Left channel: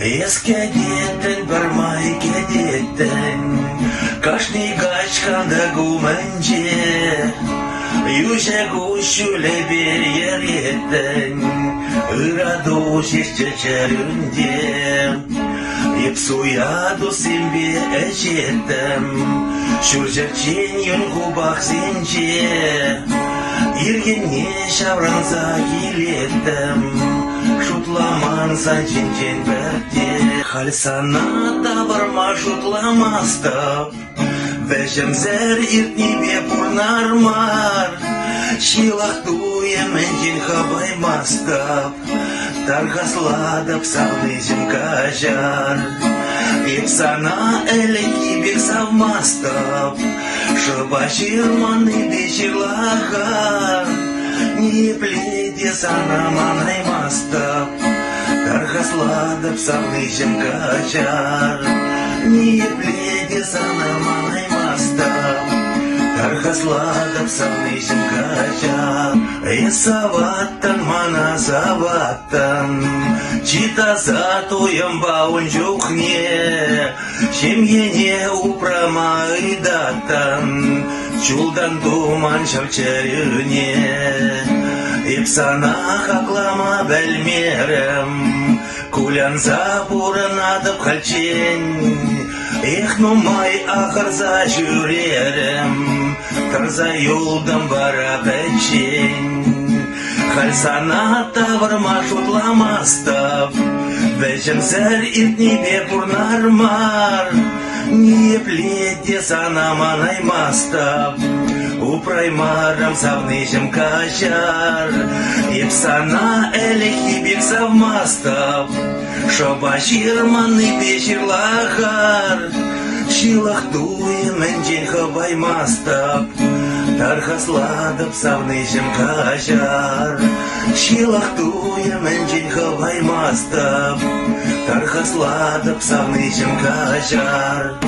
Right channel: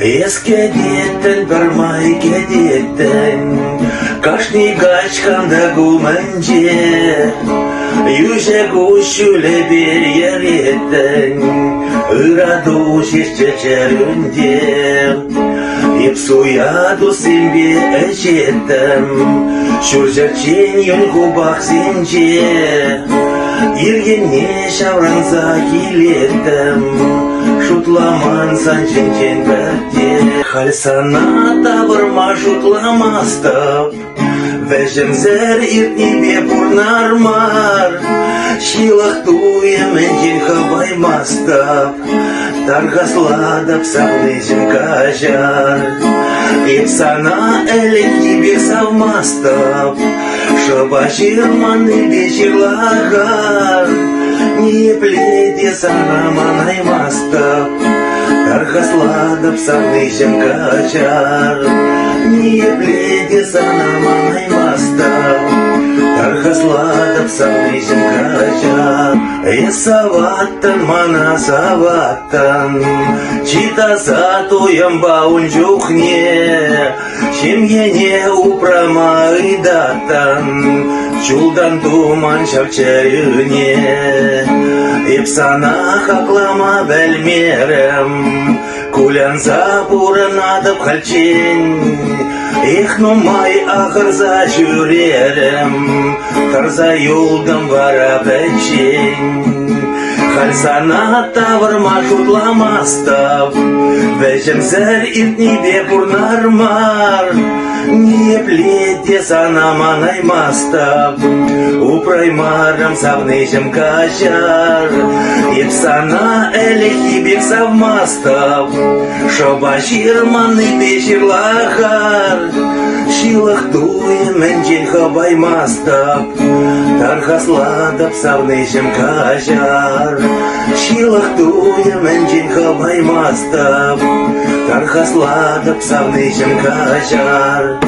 Еске деттен бармай кететтен, кашни качканда гуманже, южек ушуле бер ереттен, ыраду шешчечерінде, епсуяду сенбе эчеттем, шуржачен юнгу баксинже, ергенне шавранса килеттем, шутламан санченчен бәрте. Хальсана табырма шутламастап, вәжімзер иртнебе пурнармар, шилах туеменчен хабаймастап, таргасладап савнежен кажар. Епсана әлеки бек савмастап, шыба жирманы вечерлагар, не пледе санаман аймастап, таргасладап савнежен кажар. Не пледе санаман аймастап, таргасладап савнежен кажар. Саваттан мана саваттан, читаса тоям баун жухне, шемгене упрама идаттан, чулдан туман шавчаюне. Епсана хаклама бәлмерем, кулянса пуранадып халчен, эх, нумай ахырза жүререм, тарза юлдам бара бәлчен. Хальсана тавырма шутламастап, бәжімзір иртнебе пурнармар, не пледе санаман аймастап, упраймарам савнежем кажар. Епсана әлеки бек савмастап, шоба жирманы бешірлахар, шилах туеменчен хабаймастап, тархасладап савнежем кажар. Шилах туеменчен хабаймастап, тархасладап савнежем кажар.